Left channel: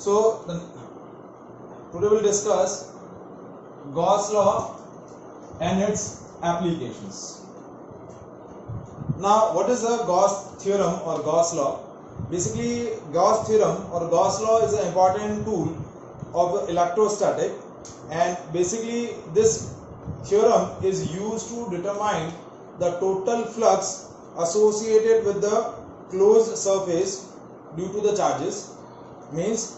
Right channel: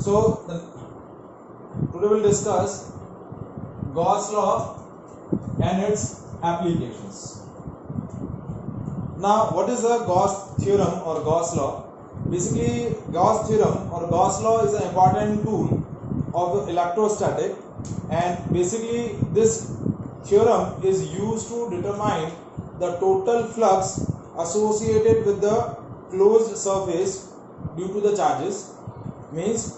So today we'll discuss Gauss law and its applications. Now, what is the Gauss theorem or Gauss law? Basically, Gauss theorem or Gauss law is an important tool of the electrostatic, and basically this theorem is used to determine the total flux associated with the closed surface due to the charges. Means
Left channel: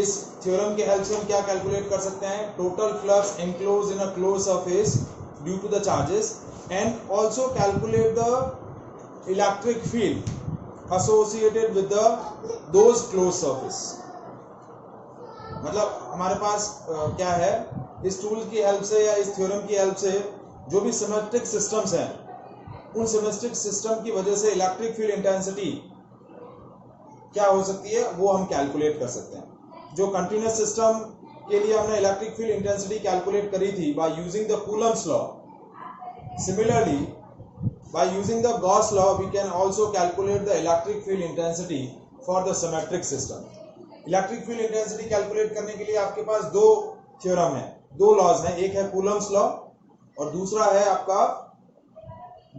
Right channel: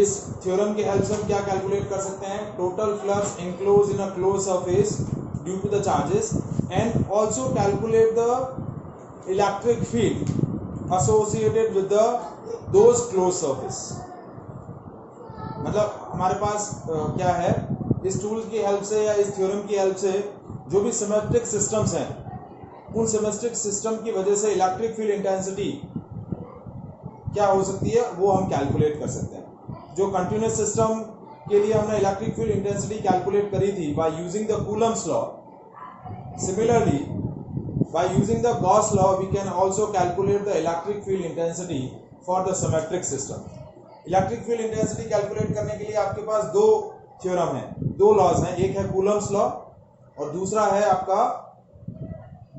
इस theorem के help से हम क्या calculate कर सकते हैं? Total flux enclosed in a closed surface due to the charges, and also calculate the electric field associated with those closed surface. मतलब हमारे पास क्या है, इस टूल की हेल्प से या इस थ्योरम की हेल्प से जो भी सिमेट्रिक सिस्टम्स हैं, उन सिमेट्रिक सिस्टम की वजह से इलेक्ट्रिक फील्ड इंटेंसिटी क्या हो सकती है वो हम कैलकुलेट कर सकते हैं. जो कंटिन्यूअस सिस्टम के लिए हमने इलेक्ट्रिक फील्ड इंटेंसिटी कैलकुलेट करी थी by using the Coulomb's law, similarly by using the Gauss law we can also calculate the electric field intensity for the symmetric system. Electric field intensity calculate करने के लिए आपके पास दो theorem है, दो laws हैं. एक है कूलम्स लॉ और दूसरा है आपका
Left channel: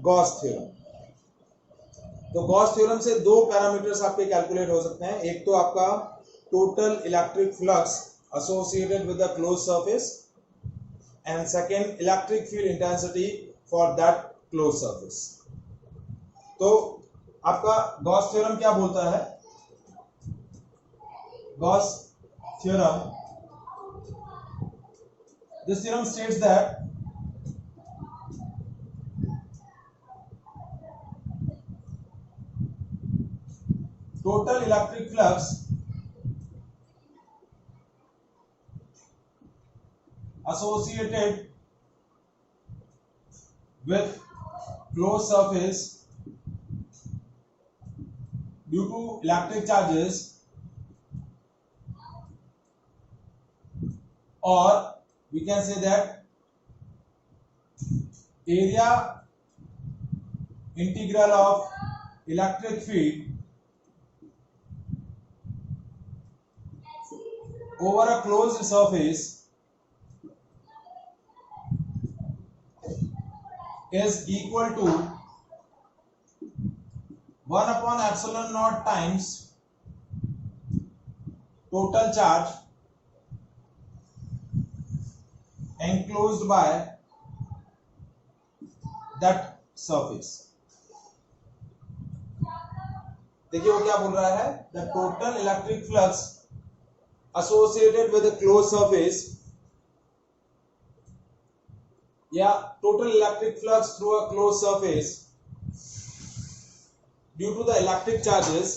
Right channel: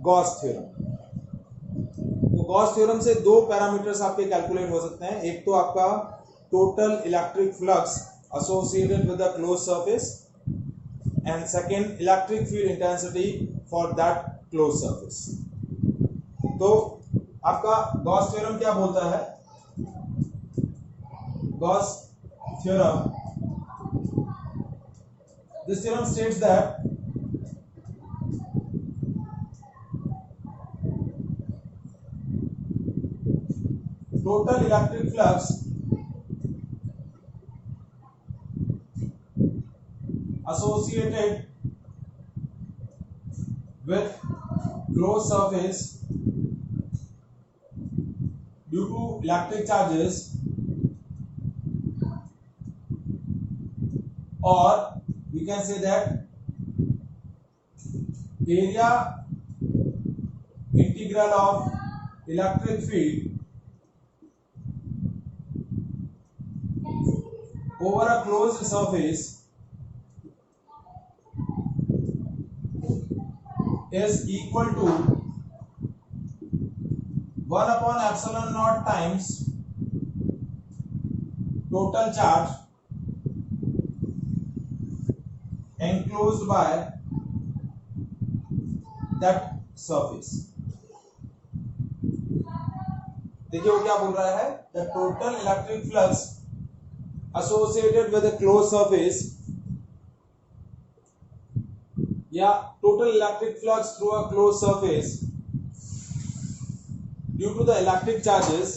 गॉस थ्योरम. तो गॉस थ्योरम से दो पैरामीटर्स आपके कैलकुलेट हो सकते हैं. एक तो आपका total electric flux associated with the closed surface, and second electric field intensity for that closed surface. तो आपका गॉस थ्योरम क्या बोलता है? Gauss theorem, this theorem states that total electric flux associated with closed surface due to electric charges, or we can say that area integral of electric field over a closed surface is equal to 1 upon epsilon naught times total charge enclosed by that surface. देखिए वो क्या बोल रहा है? The total electric flux associated with a closed surface या total electric flux through a closed surface due to the electric charges,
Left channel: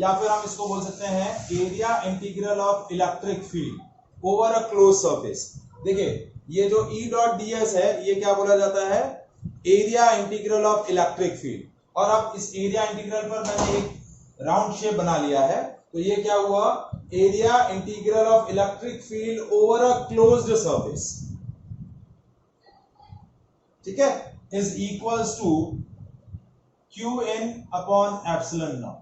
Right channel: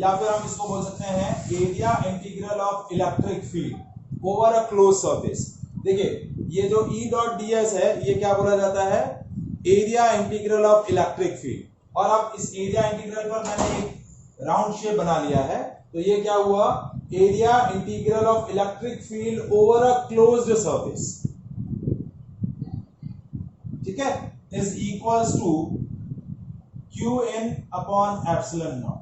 या फिर हम इसको बोल सकते हैं area integral of electric field over a closed surface. देखिए ये जो E dot ds है ये क्या बोला जाता है? area integral of electric field. और अब इस area integral पर मैंने एक राउंड शेप बना लिया है, तो ये क्या हुआ? area integral of electric field over a closed surface, ठीक है, is equals to qn upon epsilon naught.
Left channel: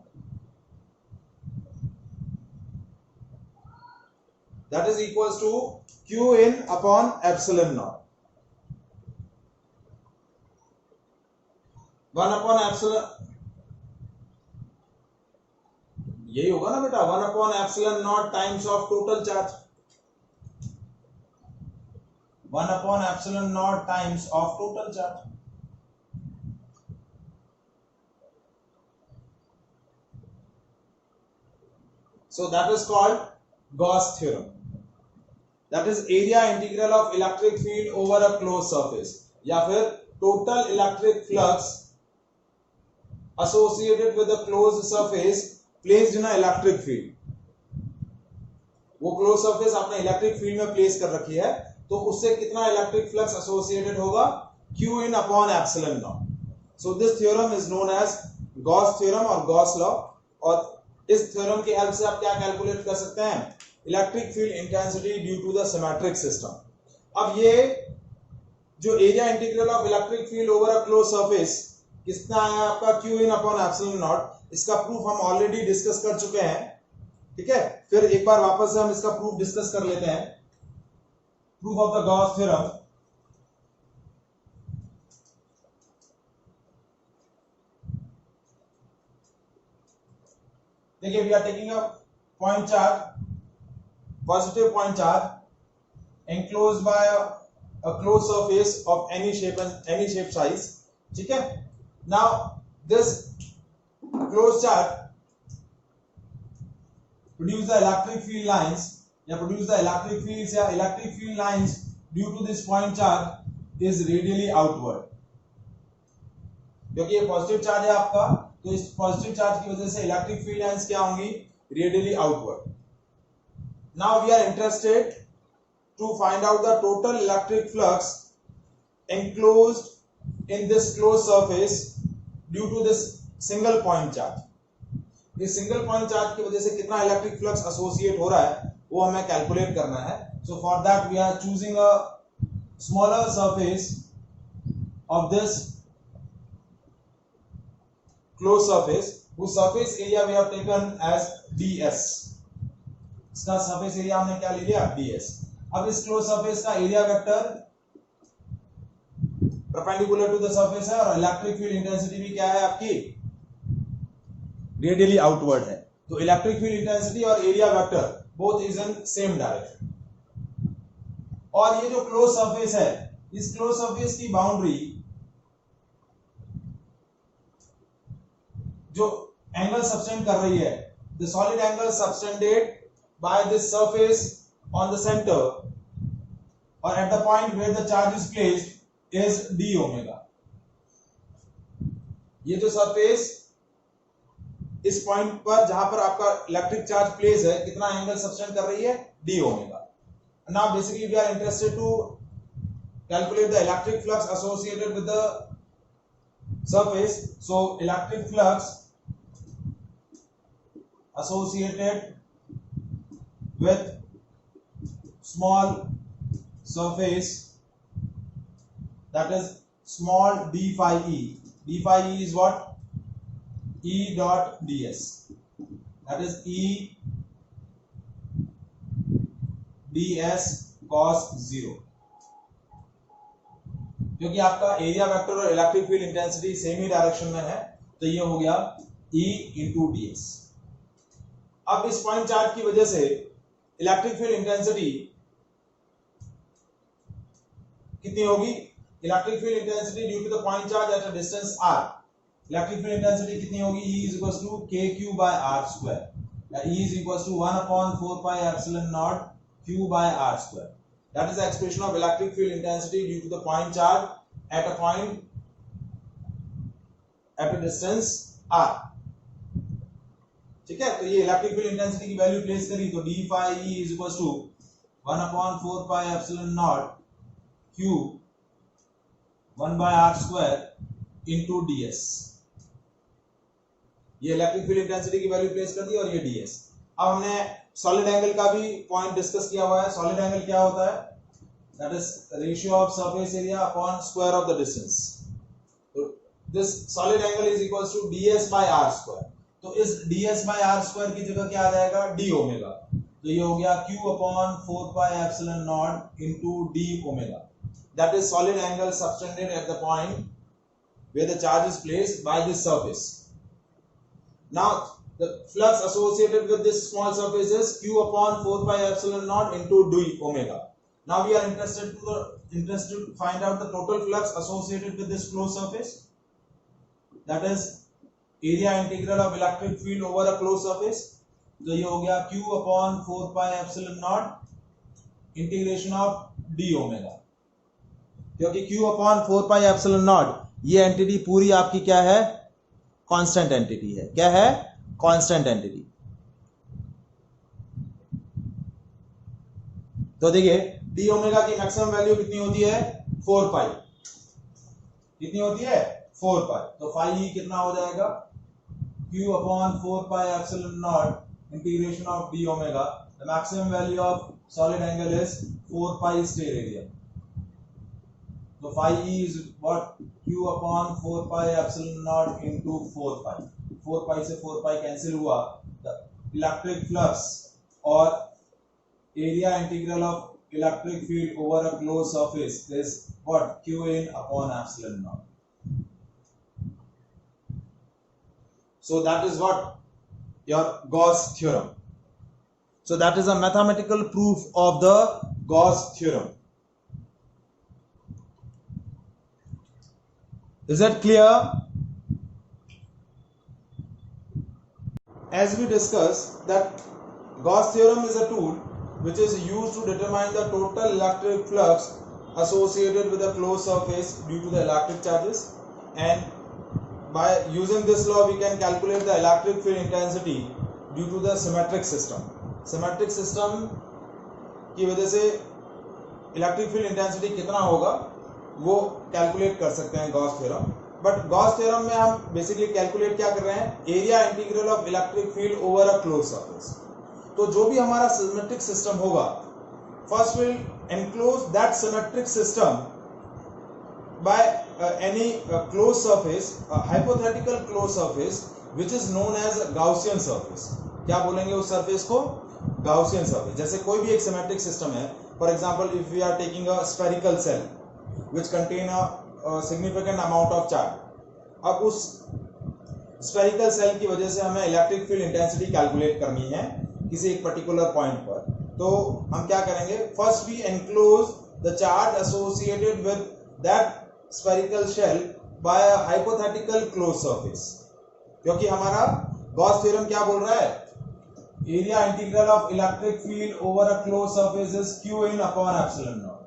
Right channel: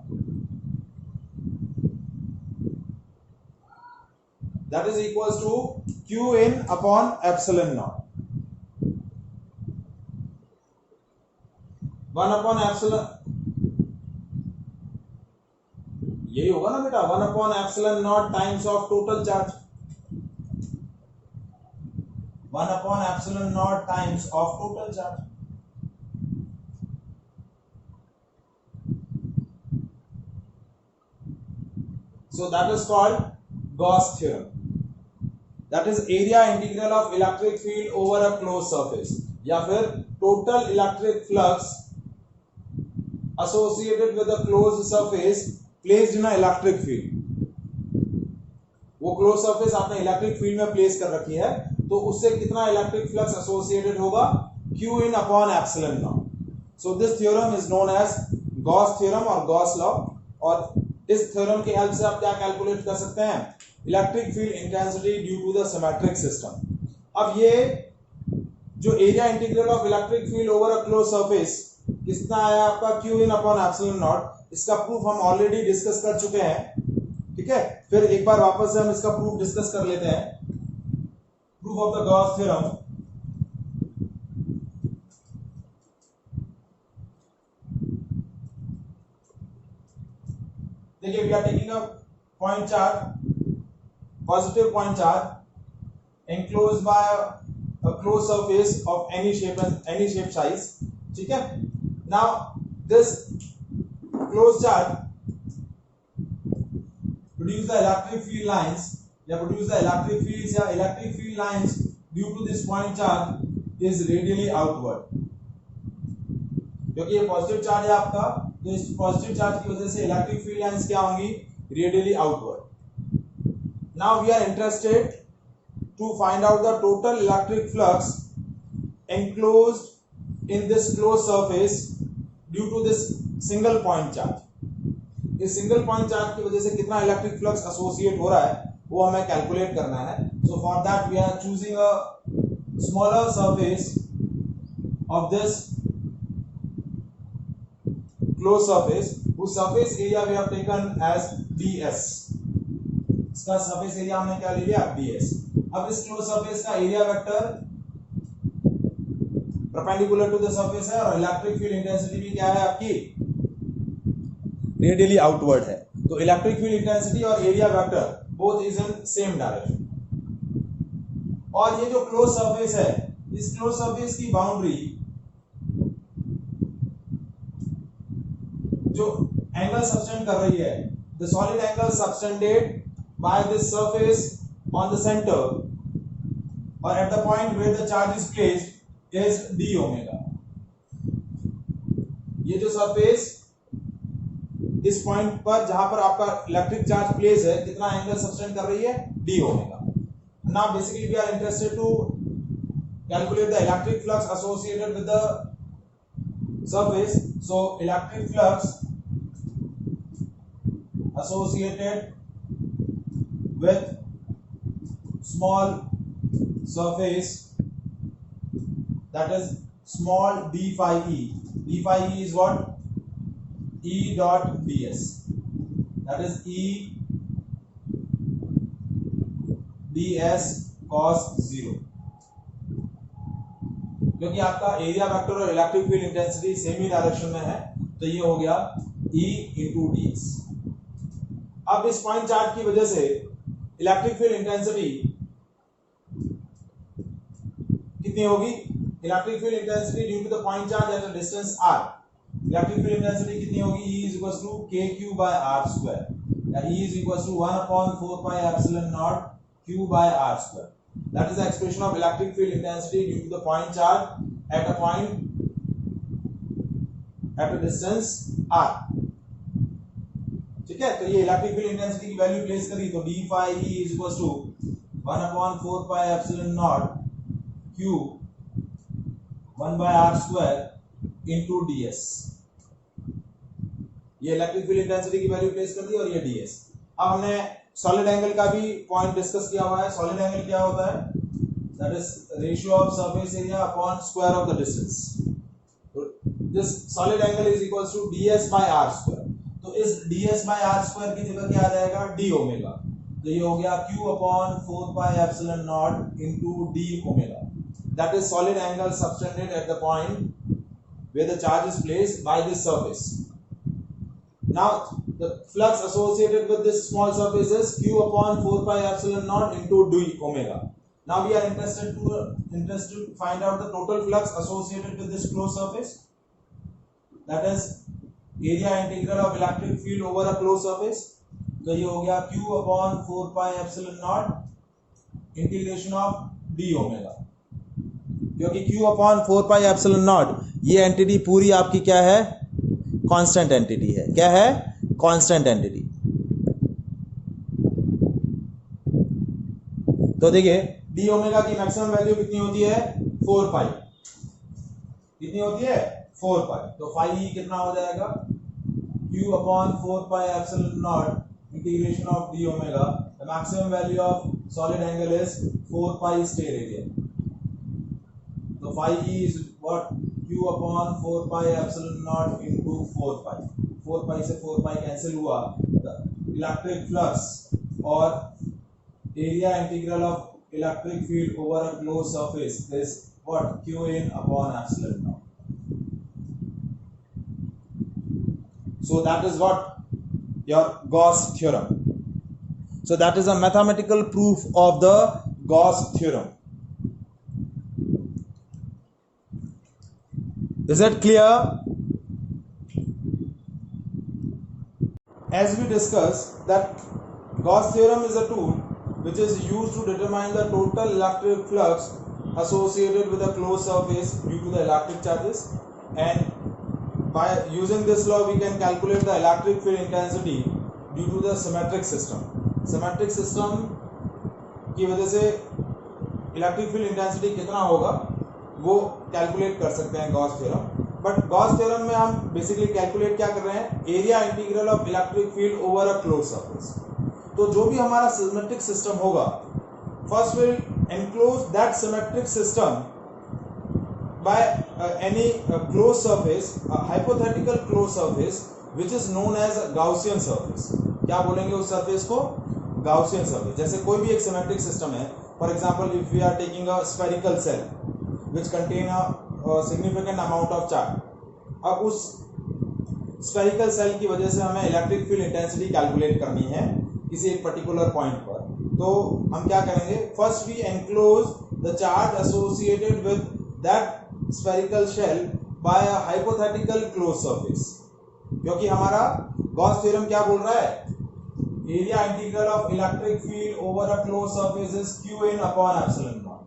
That is equals to qn upon epsilon naught. 1 upon epsilon, यही होगा ना बेटा? 1 upon epsilon naught times of total charge. 1 upon epsilon naught times of total charge. So that is called Gauss theorem. That is area integral of electric field over a closed surface, या फिर total electric flux associated with a closed surface placed in a electric field. वो close surface आपने electric field में place कर रखी है, तो उससे कितना इलेक्ट्रिक फ्लक्स एसोसिएटेड होगा? q in upon epsilon naught. So this theorem is known as Gauss theorem और Gauss law. और इस थ्योरम की हेल्प से आप क्या कैलकुलेट कर सकते हैं? Electric field intensity due to the symmetric system. अब ये जो area integral of electric field over a close surface कितना आया आपका? q in upon epsilon naught. इसका प्रूफ हम ऑलरेडी डिस्कस कर चुके हैं, ठीक ठीक है, फिर एक बार वापस से हम इसका प्रूफ डिस्कस कर लेते हैं। Proof of the Gauss theorem. देखिए, we are taking a point charge, positive point charge enclosed by a closed surface of any shape and any shape size, ठीक है। now this closed charge produce the electric field lines या produce the electric fields या electric field lines due to this point charge is radially outward, क्योंकि ये positive charge है आपका, तो इस पॉजिटिव चार्ज की वजह से इलेक्ट्रिक फील्ड लाइंस क्या होंगी, radially outward. Now we are interested to find out the total electric flux enclosed in this closed surface due to this single point charge। इस सिंगल पॉइंट चार्ज की वजह से कितना इलेक्ट्रिक फ्लक्स एसोसिएट हो रहा है वो हमें कैलकुलेट करना है। So for that we are choosing a smaller surface of this close surface. उस surface area we have taken as ds, इसका सरफेस एरिया हमने क्या ले लिया, ds। अब इस क्लोज सरफेस का area vector perpendicular to the surface है और इलेक्ट्रिक फील्ड इंटेंसिटी भी क्या है आपकी, रेडियली आउटवर्ड है। तो इलेक्ट्रिक फील्ड इंटेंसिटी और area vector both is in same direction. और ये जो क्लोज सरफेस है, इस क्लोज सरफेस की बाउंड्री जो एंगल सबटेंड कर रही है, the solid angle subtended by this surface on the center or at the point where the charge is placed is d omega। ये जो सरफेस इस पॉइंट पर जहां पर आपका इलेक्ट्रिक चार्ज प्लेस है, कितना एंगल सबटेंड कर रही है, d omega। now basically we are interested to calculate the electric flux associated with the surface। so electric flux associated with small surface, that is small d phi e। d phi e is what, E dot ds, that is E ds cos 0। क्योंकि आपका area vector और electric field intensity same ही direction में है, तो ये हो गया E into ds। अब इस पॉइंट चार्ज की वजह से इलेक्ट्रिक फील्ड इंटेंसिटी कितनी होगी, electric field intensity due to the point charge at a distance r, electric field intensity कितनी होगी, E is equals to kq by r square, या E is equals to 1 upon 4 pi epsilon naught q by r square। that is the expression of electric field intensity due to the point charge at a point at a distance r, ठीक है। तो ये electric field intensity की value place करी तो d phi E is equals to 1 upon 4 pi epsilon naught q 1 by r square into ds। ये electric field intensity की value place कर दी और ये ds। अब हमने सॉलिड एंगल का भी पॉइंट डिस्कस किया हुआ है। सॉलिड एंगल क्या होता है, that is ratio of surface area upon square of the distance. तो this solid angle is equals to ds by r square। तो इस ds by r square की जगह क्या आ जाएगा, d ओमेगा। तो ये हो गया q upon 4 pi epsilon naught into d omega। that is solid angle subtended at the point where the charge is placed by this surface। now the flux associated with this small surface is q upon 4 pi epsilon naught into d omega। now we are interested to find out the total flux associated with this closed surface, that is area integral of electric field over a closed surface। तो ये हो गया q upon 4 pi epsilon naught integration of d omega, क्योंकि q upon 4 pi epsilon not ये entity पूरी आपकी क्या है, कांस्टेंट एंटिटी है। क्या है, कांस्टेंट एंटिटी। तो देखिए d ओमेगा की मैक्सिमम वैल्यू कितनी होती है, 4 पाई। कितनी होती है, 4 पाई। तो फाई ई कितना हो जाएगा, q upon 4 pi epsilon naught integration of d omega. The maximum value of solid angle is 4 pi steradian. तो phi e is what, q upon 4 pi epsilon naught into 4 pi। 4 pi से 4 pi cancel हुआ, the electric flux और area integral of electric field over a closed surface is what? Q in upon epsilon naught. So that is what your Gauss theorem. So that is a mathematical proof of the Gauss theorem. Is it clear? As we discussed that Gauss theorem is a tool which is used to determine the total electric flux associated with a closed surface due to the electric charges, and by using this law we can calculate the electric field intensity due to the symmetric system. Symmetric system की वजह से electric field intensity कितना होगा वो calculate कर सकते हैं Gauss theorem. But Gauss theorem में हम बेसिकली कैलकुलेट क्या कर रहे हैं? Area integral of electric field over a close surface. तो जो भी हमारा सिमेट्रिक सिस्टम होगा, first will enclose that symmetric system by any close surface, hypothetical close surface which is known as Gaussian surface. क्या बोलेंगे उस सरफेस को? Gaussian surface. जैसे कोई भी एक सिमेट्रिक सिस्टम है, for example if we are taking a spherical cell which contain a significant amount of charge. अब उस स्फेरिकल सेल की वजह से हमें इलेक्ट्रिक फील्ड इंटेंसिटी कैलकुलेट करनी है किसी एक पर्टिकुलर पॉइंट पर. तो हम क्या करेंगे? First we enclose the charge associated with that spherical shell by a hypothetical close surface. क्योंकि हमारा गॉस थ्योरम क्या बोल रहा है? Area integral of electric field over a close surface is Q in upon epsilon naught.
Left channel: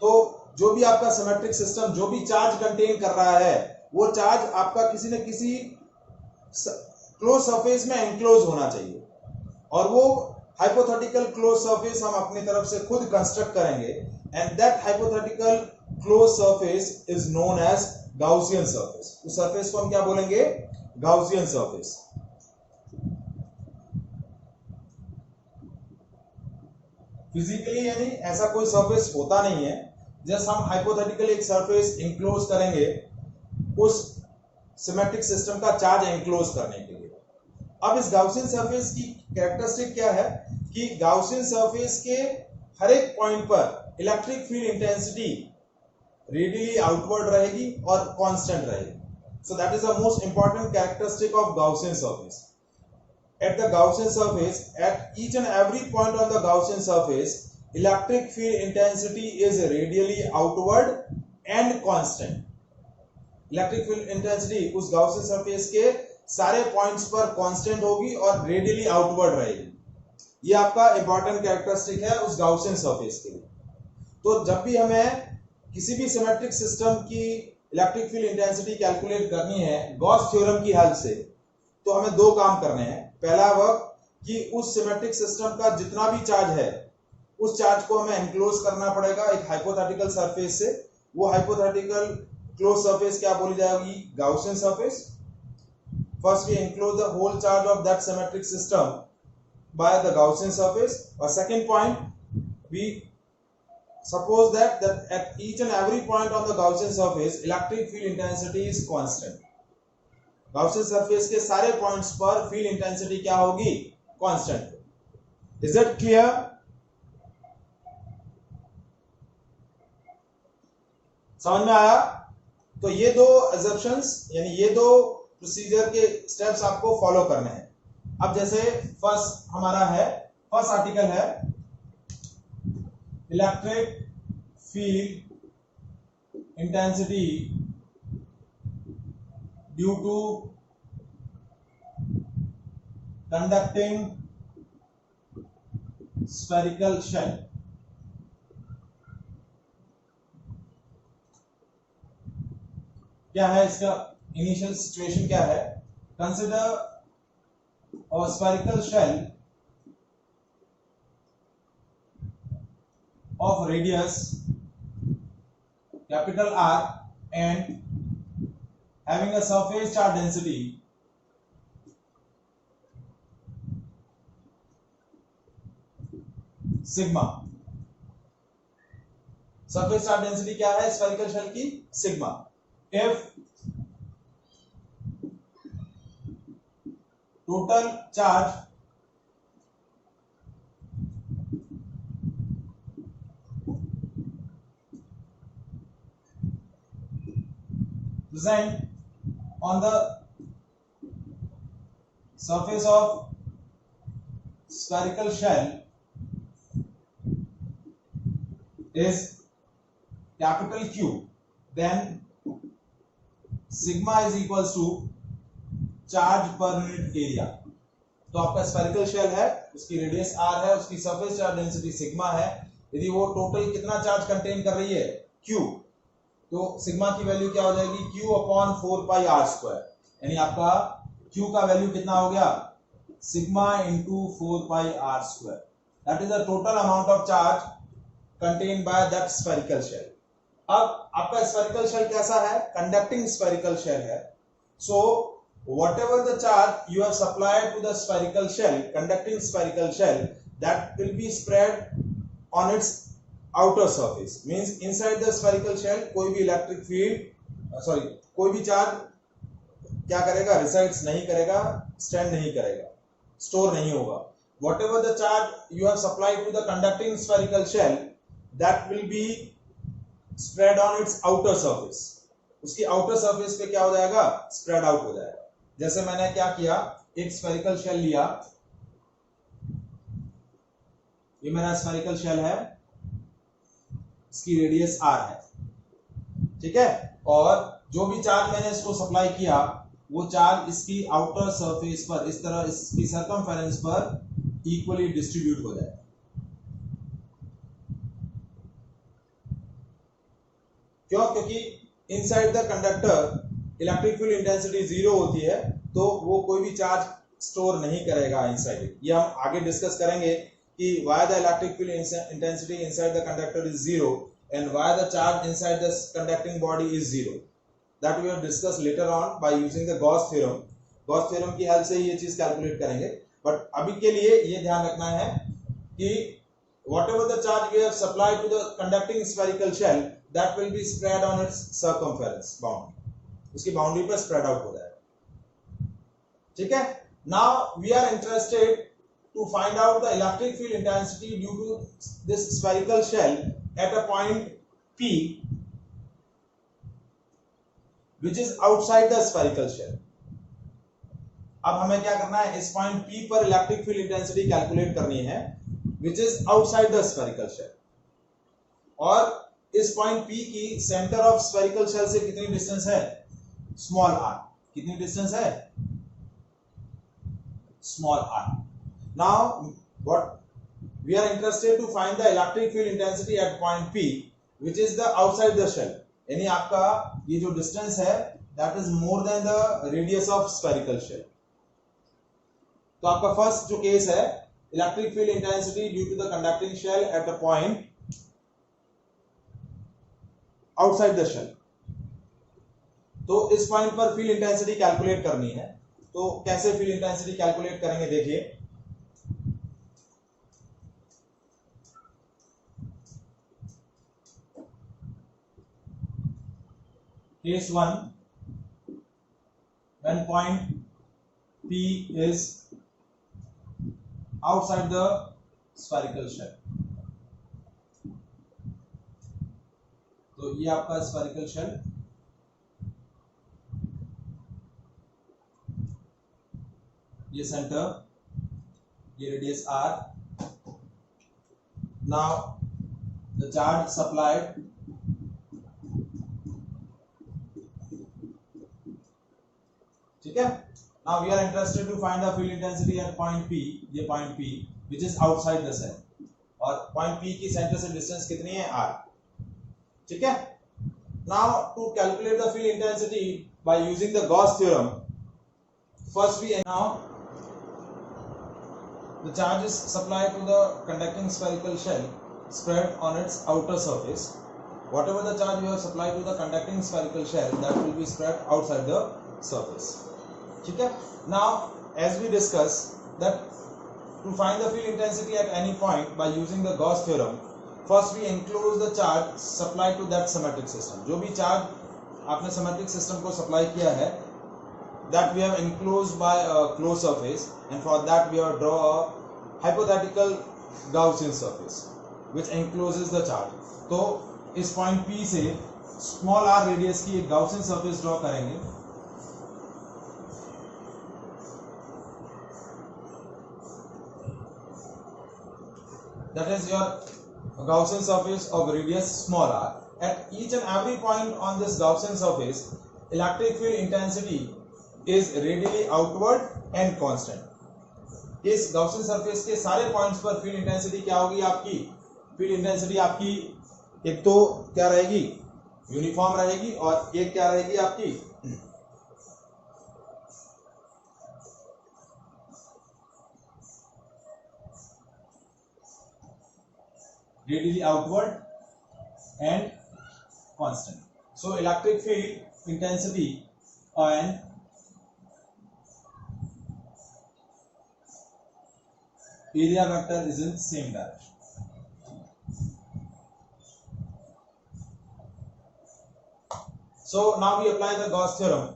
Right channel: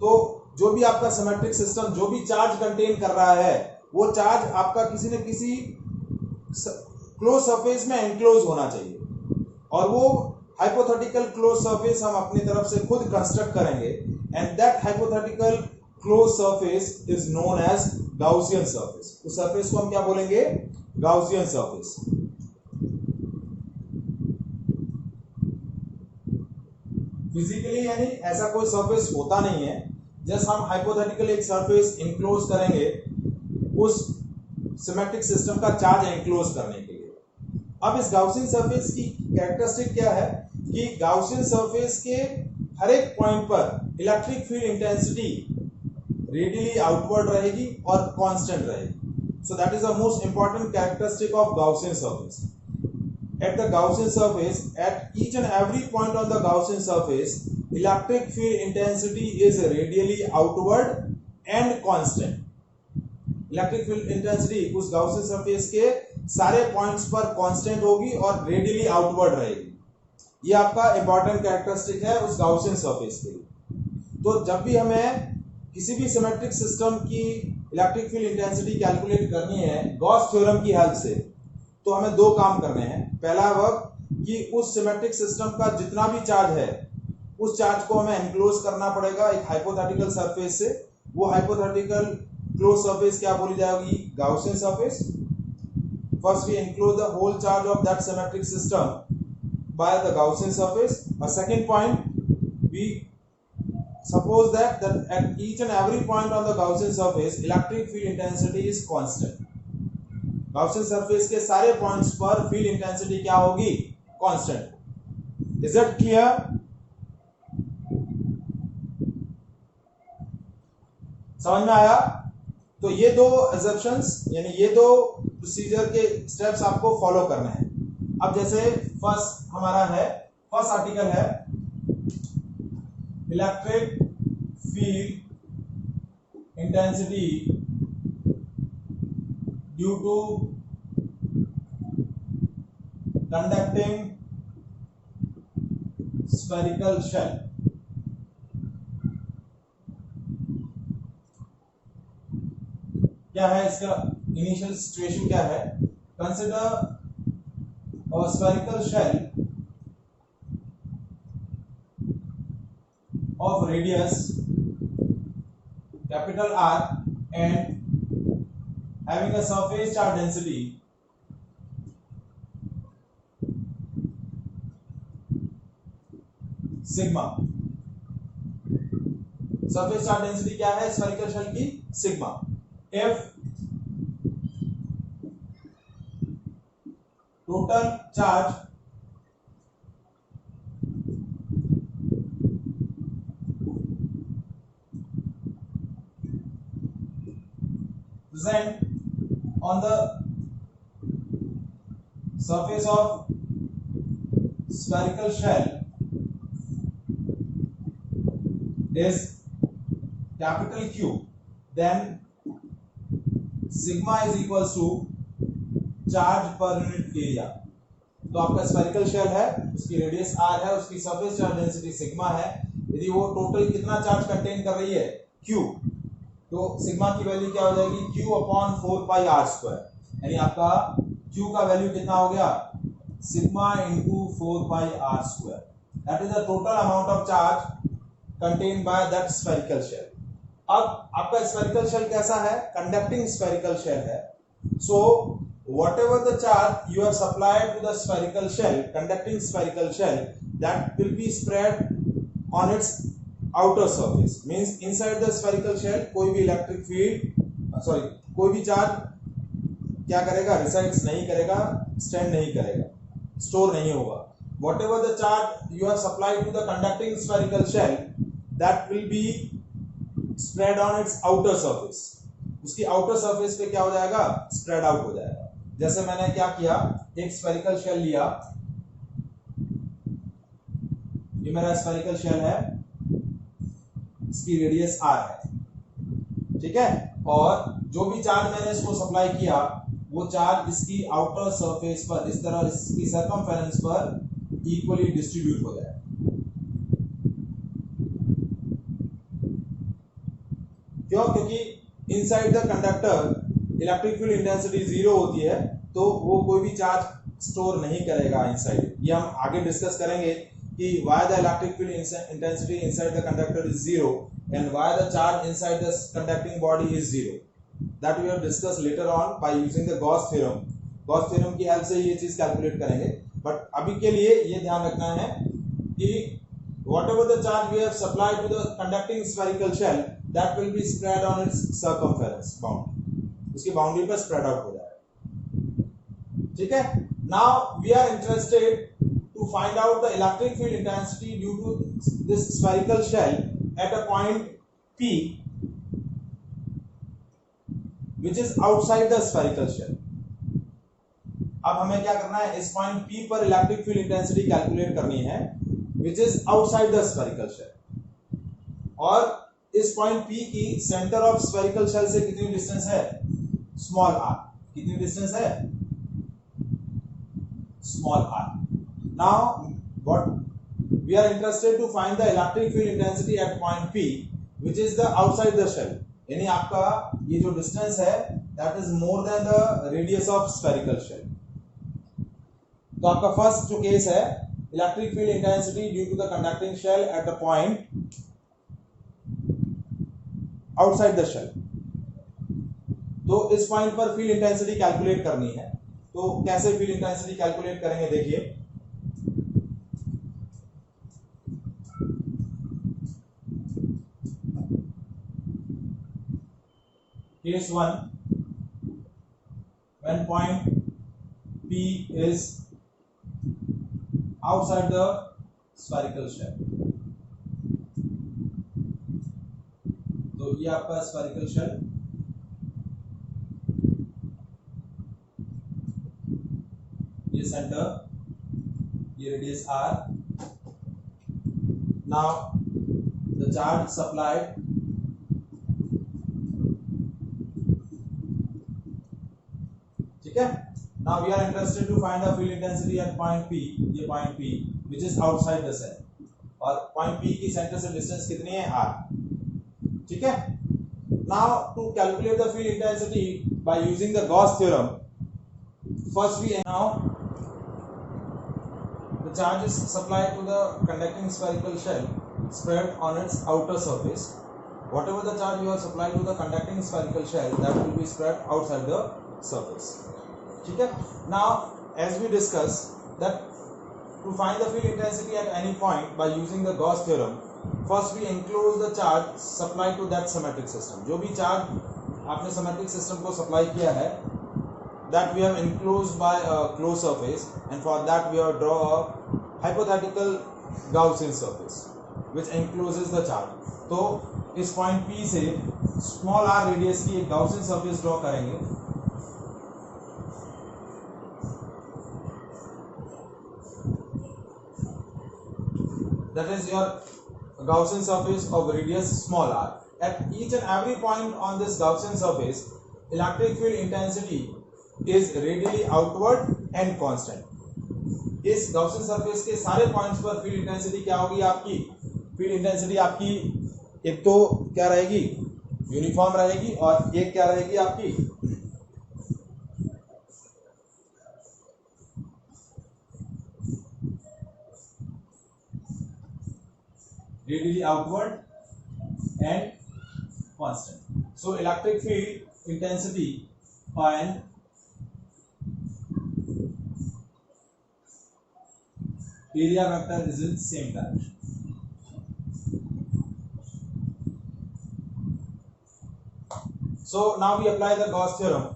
तो जो भी आपका सिमेट्रिक सिस्टम जो भी चार्ज कंटेन कर रहा है वो चार्ज आपका किसी न किसी क्लोज सरफेस में एनक्लोज होना चाहिए, और वो हाइपोथेटिकल क्लोज सरफेस हम अपनी तरफ से खुद कंस्ट्रक्ट करेंगे, and that hypothetical close surface is known as Gaussian surface. उस सरफेस को हम क्या बोलेंगे? Gaussian surface. फिजिकली यानी ऐसा कोई सरफेस होता नहीं है, जस्ट हम हाइपोथेटिकली एक सरफेस इंक्लोज करेंगे उस सिमेट्रिक सिस्टम का चार्ज एनक्लोज करने के लिए. अब इस गाउसियन सरफेस की कैरेक्टरिस्टिक क्या है कि गाउसियन सरफेस के हर एक पॉइंट पर electric field intensity radially outward रहेगी और कांस्टेंट रहेगी. सो that is the most important characteristic of Gaussian surface. At the Gaussian surface, at each and every point on the Gaussian surface, electric field intensity is radially outward and constant. Electric field intensity उस Gaussian surface के सारे points पर constant होगी और radially outward रहेगी. ये आपका important characteristic है उस गाउसियन सरफेस के लिए. तो जब भी हमें किसी भी सिमेट्रिक सिस्टम की इलेक्ट्रिक फील्ड इंटेंसिटी कैलकुलेट करनी है गॉस थ्योरम की हेल्प से, तो हमें दो काम करने हैं. पहला वह कि उस सिमेट्रिक सिस्टम का जितना भी चार्ज है उस चार्ज को हमें एनक्लोज करना पड़ेगा एक हाइपोथेटिकल सरफेस से. वो हाइपोथेटिकल क्लोज सरफेस क्या बोली जाएगी? Gaussian surface. First we enclose the whole charge of that symmetric system by the Gaussian surface. और second point, we suppose that at each and every point on the Gaussian surface electric field intensity is constant. Gaussian surface के सारे points पर field intensity क्या होगी? Constant. Is it clear? समझ में आया? तो ये दो assumptions यानी ये दो प्रोसीजर के स्टेप्स आपको फॉलो करने हैं. अब जैसे फर्स्ट हमारा है, फर्स्ट आर्टिकल है electric field intensity due to conducting spherical shell. क्या है इसका इनिशियल सिचुएशन? क्या है? Consider a spherical shell of radius capital R and having a surface charge density sigma. surface charge density क्या है spherical shell की? sigma. if total charge present on the surface of spherical shell is capital Q, then sigma is equals to charge per unit area. तो आपका spherical shell है, उसकी radius r है, उसकी surface charge density sigma है। यदि वो total कितना चार्ज कंटेन कर रही है q, तो सिग्मा की वैल्यू क्या हो जाएगी q upon 4 pi r square, यानी आपका q का वैल्यू कितना हो गया sigma into 4 pi r square. That is the total amount of charge contain by that spherical shell. अब आपका स्फेरिकल शेल कैसा है, कंडक्टिंग स्फेरिकल शेल है। सो whatever the charge you have supplied to the spherical shell, conducting spherical shell, that will be spread on its outer surface, means inside the spherical shell कोई भी electric field कोई भी charge क्या करेगा, resides नहीं करेगा, stand नहीं करेगा, store नहीं होगा। whatever the charge you have supplied to the conducting spherical shell, that will be spread on its outer surface, उसकी outer surface पे क्या हो जाएगा, spread out हो जाएगा। जैसे मैंने क्या किया, एक स्फेरिकल शेल लिया, ये मेरा स्फेरिकल शेल है, इसकी रेडियस r है, ठीक है, और जो भी चार्ज मैंने इसको सप्लाई किया वो चार्ज इसकी आउटर सरफेस पर इस तरह इसकी सरकमफेरेंस पर इक्वली डिस्ट्रीब्यूट हो जाए। क्यों? क्योंकि inside the conductor electric field intensity 0 होती है, तो वो कोई भी चार्ज स्टोर नहीं करेगा इनसाइड। ये हम आगे डिस्कस करेंगे कि why the electric field intensity inside the conductor is 0 and why the charge inside the conducting body is 0। That we will discuss later on by using the Gauss theorem. Gauss theorem की help से ये चीज calculate करेंगे, but अभी के लिए ये ध्यान रखना है कि whatever the charge we have supplied to the conducting spherical shell, that will be spread on its circumference boundary, उसकी बाउंड्री पर स्प्रेड आउट हो जाएगा, ठीक है। Now we are interested to find out the electric field intensity due to this spherical shell at a point P which is outside the spherical shell। अब हमें क्या करना है, इस पॉइंट P पर इलेक्ट्रिक फील्ड इंटेंसिटी कैलकुलेट करनी है which is outside the spherical shell, और इस पॉइंट P की सेंटर ऑफ स्फेरिकल शेल से कितनी डिस्टेंस है, स्मॉल r। कितनी डिस्टेंस है, small r। Now what we are interested to find the electric field intensity at point P which is the outside the shell, यानी आपका ये जो डिस्टेंस है that is more than the radius of spherical shell. तो आपका first जो case है, electric field intensity due to the conducting shell at a point outside the shell. तो इस पॉइंट पर फील्ड इंटेंसिटी कैलकुलेट करनी है। तो कैसे फील्ड इंटेंसिटी कैलकुलेट करेंगे, देखिए। Case 1, when point P is outside the spherical shell, तो ये आपका स्फेरिकल शेल, ये सेंटर, ये radius r। Now the charge supplied ठीक है। Now we are interested to find the field intensity at point P, ये point P which is outside the cell, और point P की सेंटर से distance कितनी है, r, ठीक है। Now to calculate the field intensity by using the Gauss theorem, first we now the charge is supplied to the conducting spherical shell spread on its outer surface. Whatever the charge you have supplied to the conducting spherical shell, that will be spread outside the surface, ठीक है। Now as we discussed that to find the field intensity at any point by using the Gauss theorem, first we enclose the charge supplied to that symmetric system। जो भी charge आपने symmetric system को supply किया है, that we have enclosed by a closed surface, and for that we have draw a hypothetical Gaussian surface which encloses the charge। तो इस point P से small r radius की एक Gaussian surface draw करेंगे। That is your Gaussian surface of radius small r. At each and every point on this Gaussian surface, electric field intensity is radially outward and constant. इस Gaussian surface के सारे points पर field intensity क्या होगी आपकी? Field intensity आपकी एक तो क्या रहेगी? यूनिफॉर्म रहेगी, और एक क्या रहेगी आपकी? radially outward and constant. So electric field intensity and area vector is in same direction. So now we apply the Gauss theorem.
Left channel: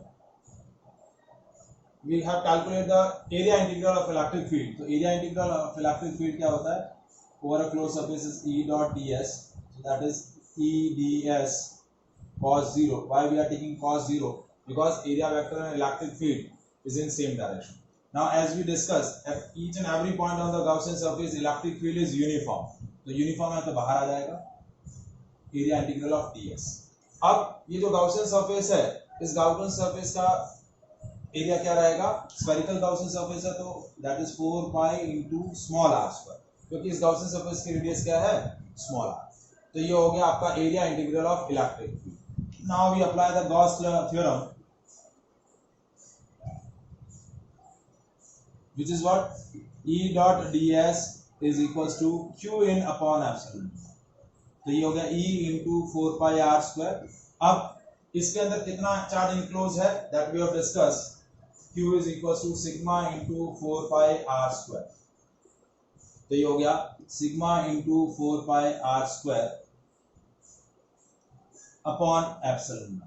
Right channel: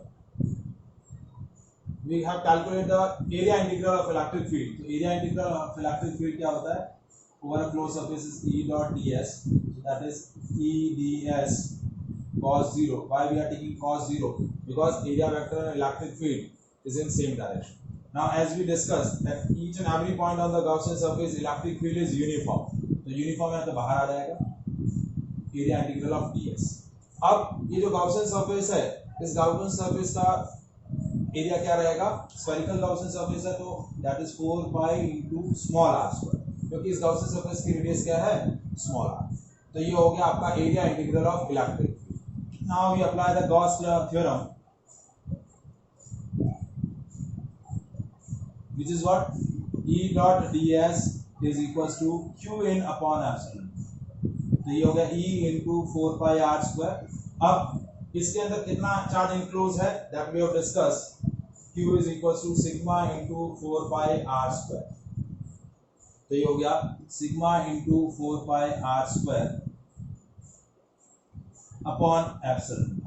We have calculated the area integral of electric field. So area integral of electric field क्या होता है? Over a closed surface is E dot ds. So that is E ds cos 0. Why we are taking cos 0? Because area vector and electric field is in same direction. Now as we discussed, at each and every point on the Gaussian surface electric field is uniform. तो uniform है तो बाहर आ जाएगा area integral of ds. अब ये जो Gaussian surface है, इस Gaussian surface का एरिया क्या रहेगा? स्फेरिकल Gaussian surface है तो that is 4 pi into small r square. क्योंकि इस Gaussian surface की रेडियस क्या है? Small r. तो ये हो गया आपका area integral of electric field. Now we apply the Gauss theorem, which is what? E dot ds is equals to q in upon epsilon. तो ये हो गया E into 4 pi r square. अब इसके अंदर कितना चार्ज इनक्लोज है? that we have discussed. Q is equals to sigma into 4 pi r square. तो ये हो गया sigma into 4 pi R square upon epsilon.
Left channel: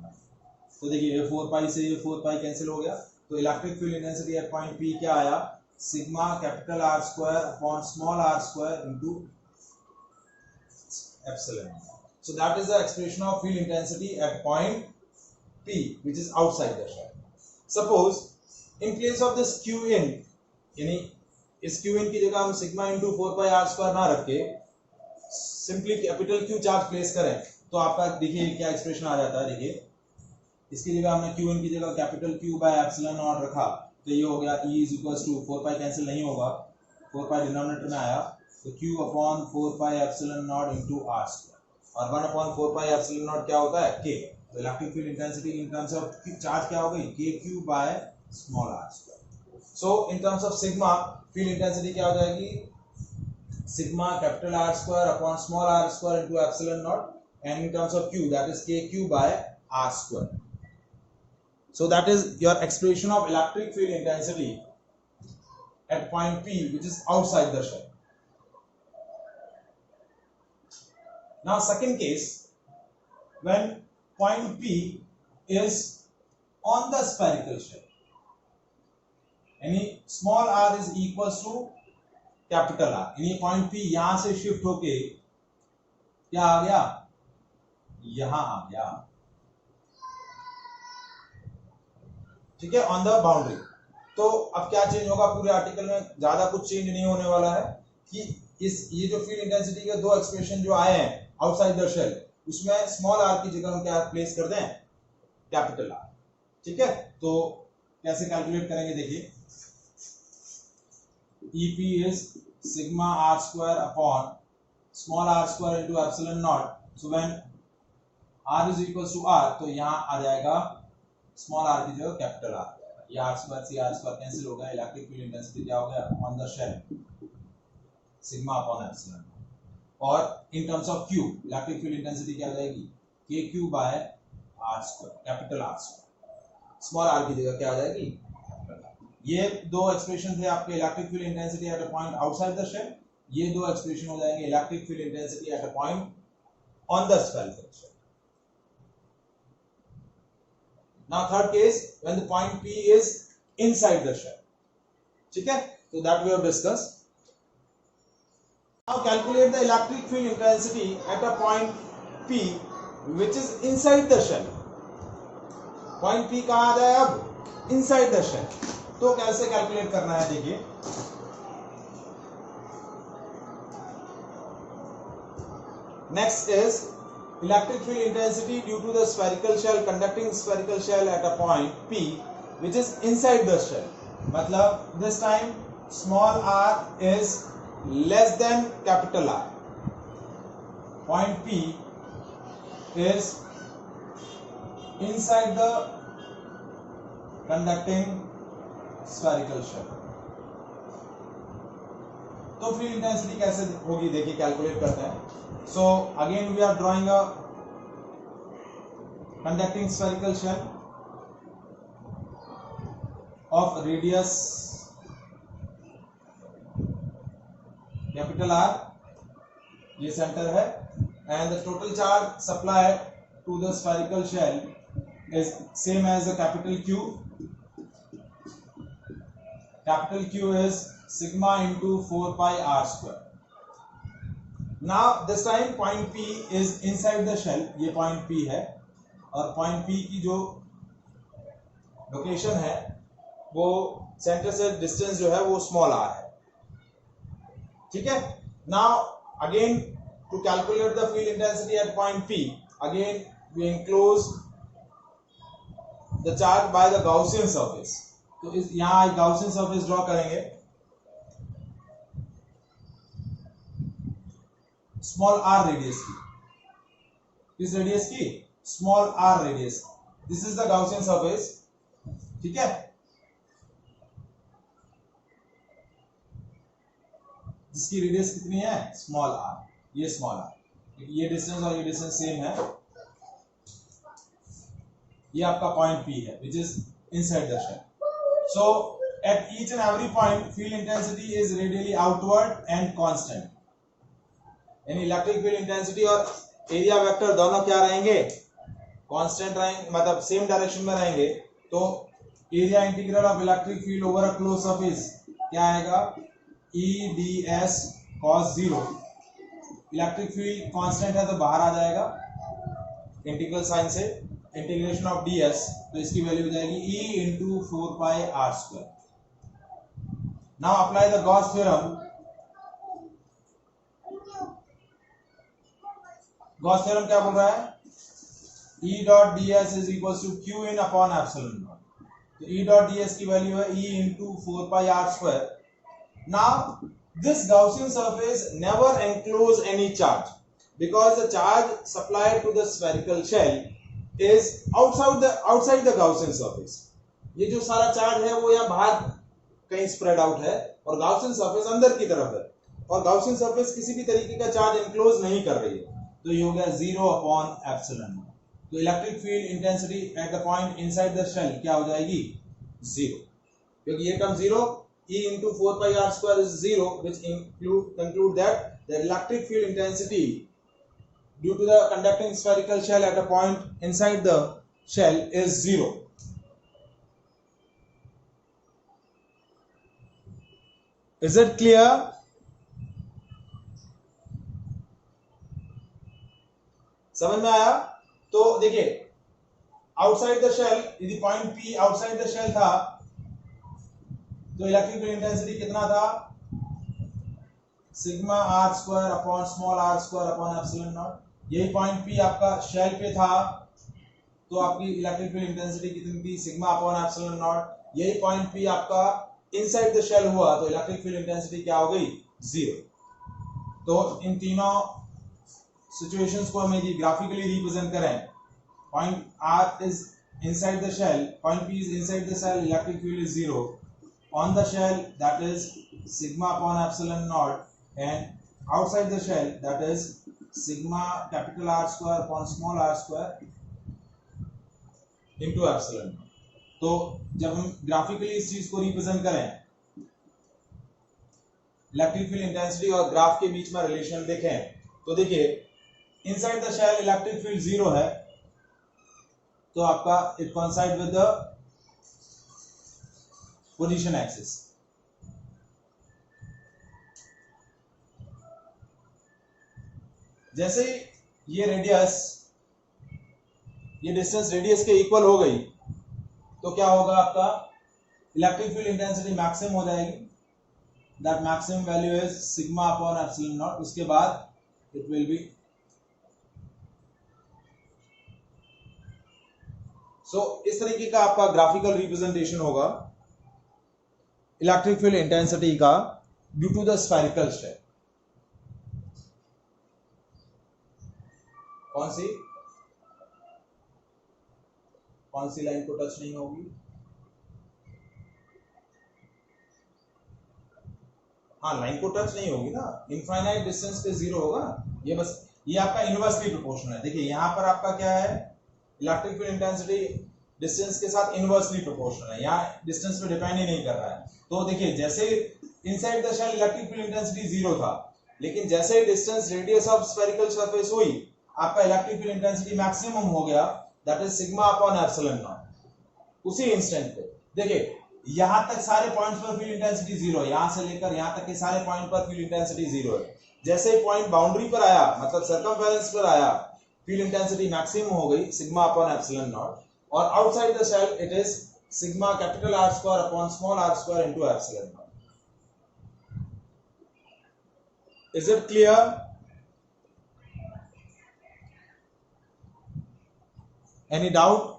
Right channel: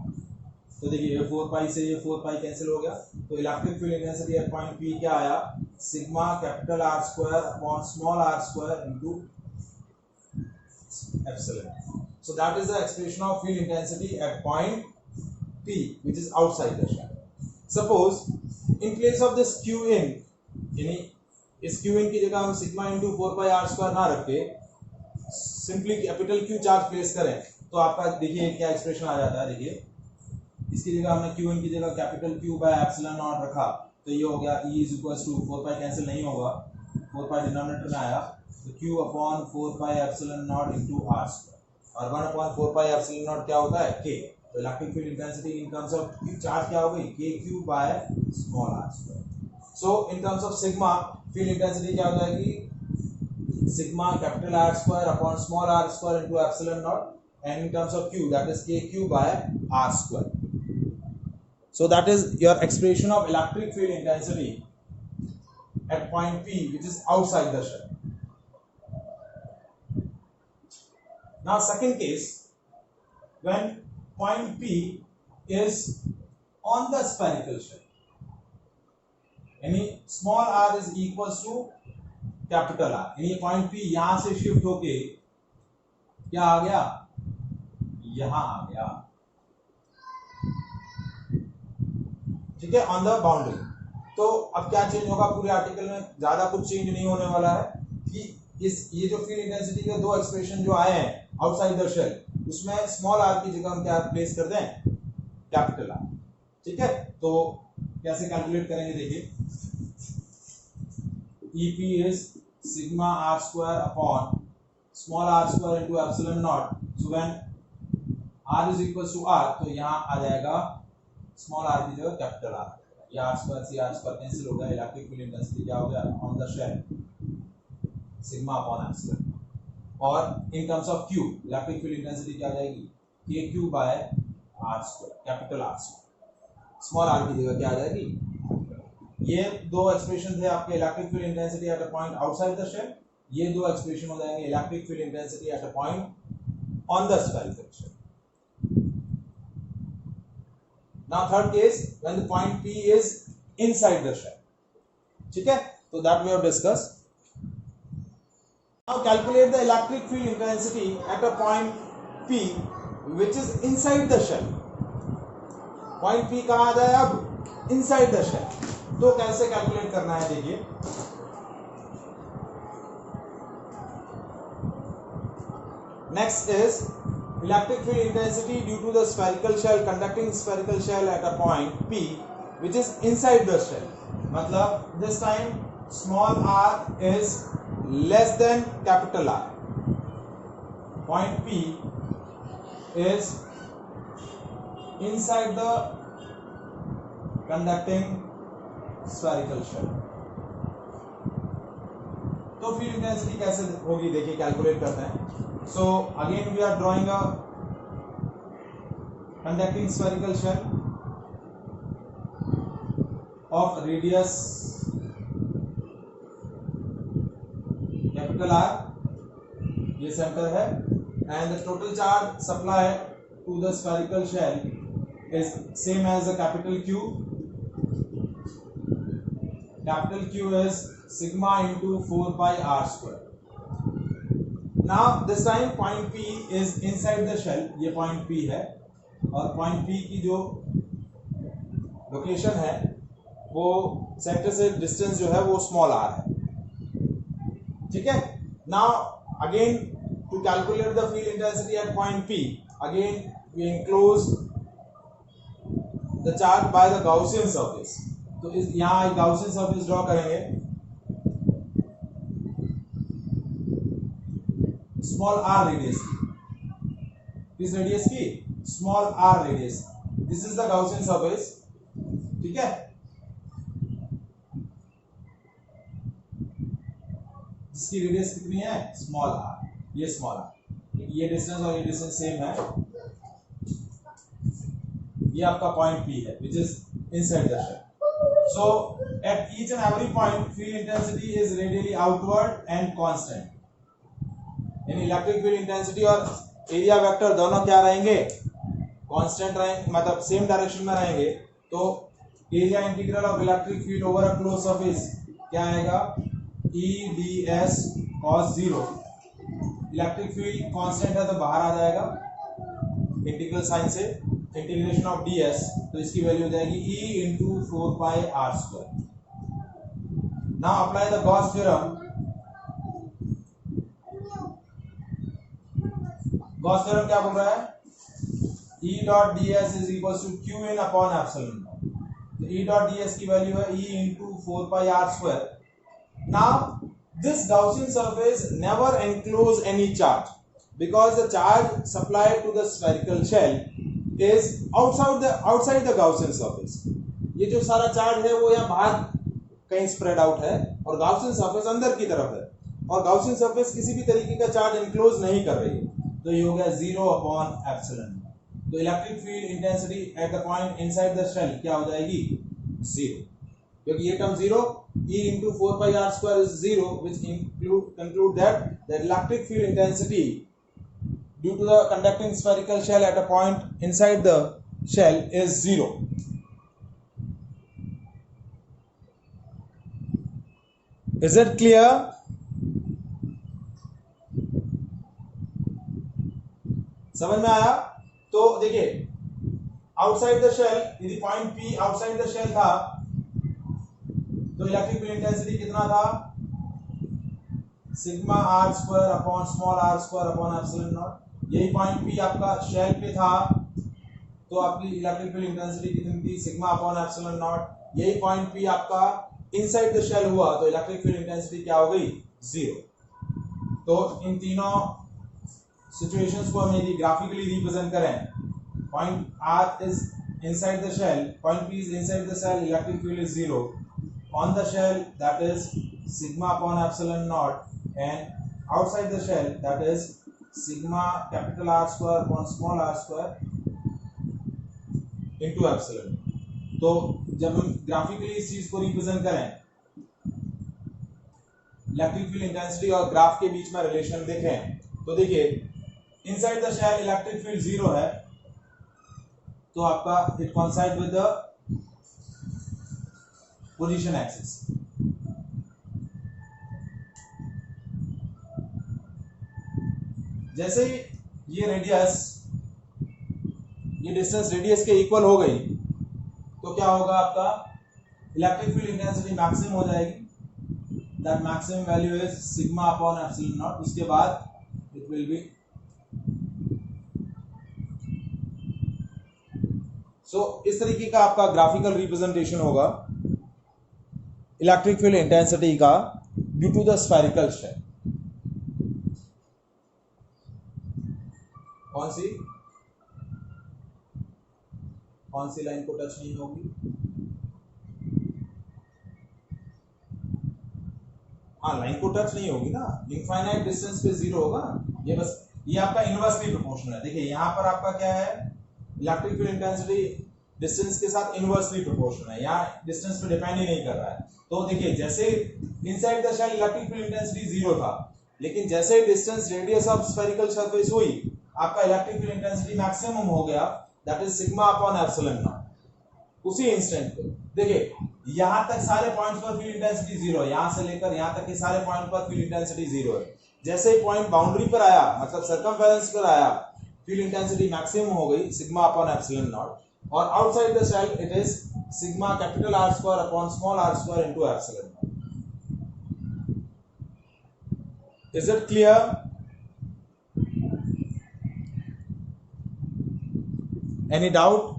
तो देखिए ये 4 पाई से ये 4 पाई कैंसिल हो गया, तो electric field intensity at point P क्या आया? Sigma capital R square upon small R square into epsilon. So that is the expression of field intensity at point P which is outside the shell. Suppose in place of this Q in, यानी इस Q in की जगह हम sigma into 4 pi R square ना रख के simply capital Q charge place करें, तो आपका देखिए क्या एक्सप्रेशन आ जाता है. देखिए इसकी जगह हमने Q in की जगह capital Q by epsilon naught रखा, तो ये हो गया E is equals to 4 pi cancel नहीं होगा, 4 पाई डिनोमिनेटर में आया, तो Q upon 4 pi epsilon not into R square, और 1 अपॉन 4 पाई एप्सिलॉन नॉट क्या होता है? K. तो electric field intensity in terms of charge क्या हो गई? KQ by small R square. So in terms of sigma field intensity क्या हो जाएगी? Sigma capital R square upon small R square into epsilon naught, and in terms of Q that is KQ by R square. So that is your expression of electric field intensity at point P which is outside the shell. Now second case, when point P is on the spherical shell, यानी small r is equals to capital R, यानी point P यहां से shift होके क्या आ गया? यहां आ गया. ठीक है, ऑन द बाउंड्री. तो अब क्या चेंज होगा पूरे आर्टिकल में? ज्यादा कुछ चेंज नहीं होने वाला है कि ये जो फील्ड इंटेंसिटी के दो एक्सप्रेशन जो आए हैं आउटसाइड द शेल, उसमें स्मॉल r की जगह हम क्या प्लेस कर दें? Capital R. ठीक है, तो कैसे कैलकुलेट करेंगे? देखिए EP is sigma r square upon small r square into epsilon naught. So when r is equals to r, तो यहाँ आ जाएगा स्मॉल r की जगह कैपिटल R. ये r square से r square कैंसिल हो गया. इलेक्ट्रिक फील्ड इंटेंसिटी क्या हो गया? On the shell sigma upon epsilon. और in terms of Q electric field intensity क्या हो जाएगी? KQ by r square capital R square. Small r की जगह क्या आ जाएगी? ये दो एक्सप्रेशन थे आपके electric field intensity at a point outside the shell. ये दो एक्सप्रेशन हो जाएंगे electric field intensity at a point on the spherical shell. Now third case, when the point P is inside the shell. ठीक है, so that we have discussed. Now calculate the electric field intensity at a point P which is inside the shell. Point P कहाँ आ जाए अब? Inside the shell. तो कैसे calculate करना है देखिए. Next is electric field intensity due to the spherical shell conducting spherical shell at a point P which is inside the shell. मतलब this time small r is less than capital R. Point P is inside the conducting spherical shell. तो field intensity कैसे होगी देखिए, calculate करते हैं. So again we are drawing a conducting spherical shell of radius capital R, ये centre है, and the total charge supplied to the spherical shell is same as the capital Q. Capital Q is sigma into 4 pi r square. Now this time point P is inside the shell. ये point P है और point P की जो location है वो centre से distance जो है वो स्मॉल r है. ठीक है. Now again to calculate the field intensity at point P, again we enclose the charge by the Gaussian surface. तो इस यहां एक गाउसियन सरफेस ड्रॉ करेंगे. स्मॉल r रेडियस की, किस रेडियस की? Small r radius. This is the Gaussian surface. ठीक है. इसकी रेडियस कितनी है? Small r. ये स्मॉल r. ये डिस्टेंस और ये डिस्टेंस सेम है. ये आपका पॉइंट P है which is inside the shell. So at each and every point field intensity is radially outward and constant. यानी इलेक्ट्रिक फील्ड इंटेंसिटी और एरिया वेक्टर दोनों क्या रहेंगे? कांस्टेंट रहेंगे, मतलब सेम डायरेक्शन में रहेंगे. तो area integral of electric field over a close surface क्या आएगा? E ds cos 0. Electric field constant है तो बाहर आ जाएगा इंटीग्रल साइन से. इंटीग्रेशन ऑफ ds, तो इसकी वैल्यू हो जाएगी E into 4 pi r square. Now apply the Gauss theorem. Gauss theorem क्या बोल रहा है? E dot ds is equals to q in upon epsilon naught. तो E dot ds की वैल्यू है E into 4 pi r square. Now this Gaussian surface never enclose any charge because the charge supplied to the spherical shell is outside the Gaussian surface. ये जो सारा charge है वो यहाँ बाहर कहीं स्प्रेड आउट है और Gaussian surface अंदर की तरफ है और Gaussian surface किसी भी तरीके का चार्ज एनक्लोज नहीं कर रही है. तो ये हो गया 0 अपॉन एप्सिलॉन. तो electric field intensity at the point inside the shell क्या हो जाएगी? 0. क्योंकि ये term 0, E into 4 pi r square is 0, which conclude that the electric field intensity due to the conducting spherical shell at a point inside the shell is 0. Is it clear? समझ में आया? तो देखिए आउटसाइड द शेल, यदि point P outside the shell था तो electric field intensity कितना था? Sigma r square upon small r square upon epsilon naught. यही पॉइंट P आपका शेल पे था तो आपकी इलेक्ट्रिक फील्ड इंटेंसिटी कितनी थी? Sigma upon epsilon naught. यही पॉइंट P आपका इनसाइड द शेल हुआ तो इलेक्ट्रिक फील्ड इंटेंसिटी क्या हो गई? 0. तो इन तीनों सिचुएशंस को हम यदि ग्राफिकली रिप्रेजेंट करें, point R is inside the shell, point P is inside the shell, electric field is 0. On the shell, that is sigma upon epsilon naught, and outside the shell, that is sigma capital R square upon small r square into epsilon. तो जब हम graphically इस चीज को represent करें, electric field intensity और graph के बीच में रिलेशन देखें, तो देखिए inside the shell electric field 0 है तो आपका it coincide with the position axis. जैसे ही ये रेडियस, ये डिस्टेंस रेडियस के इक्वल हो गई तो क्या होगा, आपका इलेक्ट्रिक फील्ड इंटेंसिटी मैक्सिमम हो जाएगी. That maximum value is sigma upon epsilon naught. उसके बाद इट विल बी इस तरीके का आपका ग्राफिकल रिप्रेजेंटेशन होगा इलेक्ट्रिक फील्ड इंटेंसिटी का due to the spherical shell. कौन सी लाइन को टच नहीं होगी? हाँ, लाइन को टच नहीं होगी ना, इनफाइनाइट डिस्टेंस पे जीरो होगा ना. ये बस, ये आपका इनवर्सली प्रोपोर्शनल है. देखिए यहाँ पर आपका क्या है, इलेक्ट्रिक फील्ड इंटेंसिटी डिस्टेंस के साथ इनवर्सली प्रोपोर्शनल है. यहाँ डिस्टेंस पे डिपेंड ही नहीं कर रहा है. तो देखिए जैसे inside the shell electric field intensity zero था, लेकिन जैसे distance radius of spherical surface हुई, आपका इलेक्ट्रिक फील्ड इंटेंसिटी मैक्सिमम हो गया, that is sigma upon epsilon naught. उसी इंस्टेंट पे देखिए यहां तक सारे पॉइंट्स पर फील्ड इंटेंसिटी जीरो है, यहां से लेकर यहां तक के सारे पॉइंट पर फील्ड इंटेंसिटी जीरो है. जैसे ही पॉइंट बाउंड्री पर आया, मतलब सर्कमफेरेंस पर आया, फील्ड इंटेंसिटी मैक्सिमम हो गई सिग्मा अपॉन एप्सिलॉन नॉट. और outside the shell it is sigma capital R square upon small R square into epsilon naught. Is it clear? Any doubt?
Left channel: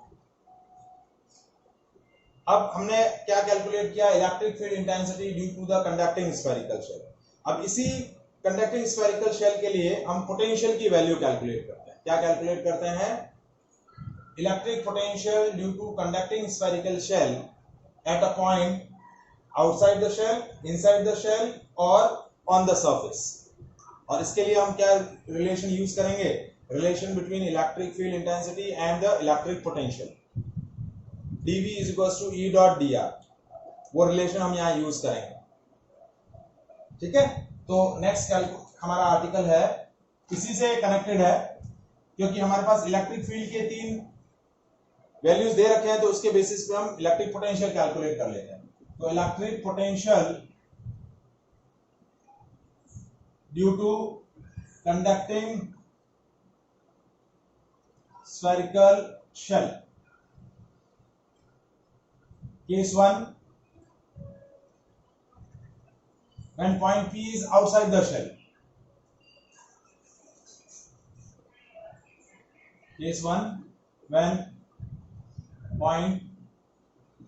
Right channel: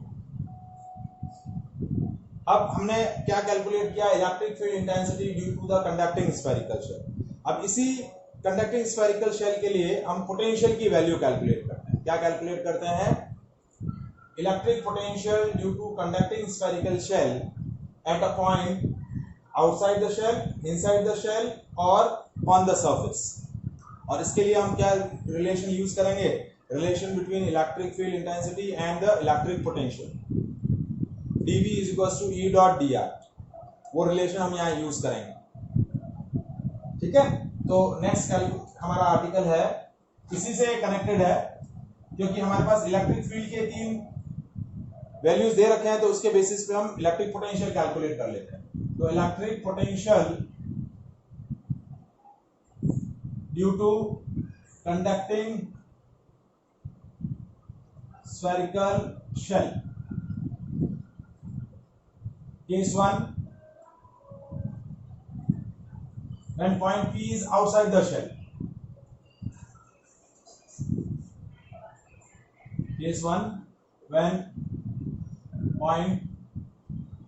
अब हमने क्या कैलकुलेट किया, electric field intensity due to the conducting spherical shell. अब इसी conducting spherical shell के लिए हम potential की वैल्यू कैलकुलेट करते हैं. क्या कैलकुलेट करते हैं? Electric potential due to conducting spherical shell at a point outside the shell, inside the shell और ऑन द सरफेस. और इसके लिए हम क्या रिलेशन यूज करेंगे? Relation between electric field intensity and the electric potential. dV is equals to E dot dr. वो relation हम यहाँ यूज करेंगे. ठीक है, तो नेक्स्ट हमारा आर्टिकल है, इसी से कनेक्टेड है, क्योंकि हमारे पास इलेक्ट्रिक फील्ड के 3 वैल्यूज दे रखे हैं, तो उसके बेसिस पे हम इलेक्ट्रिक पोटेंशियल कैलकुलेट कर लेते हैं. तो electric potential due to conducting spherical shell. Case 1, when point P is outside the shell. Case 1, when point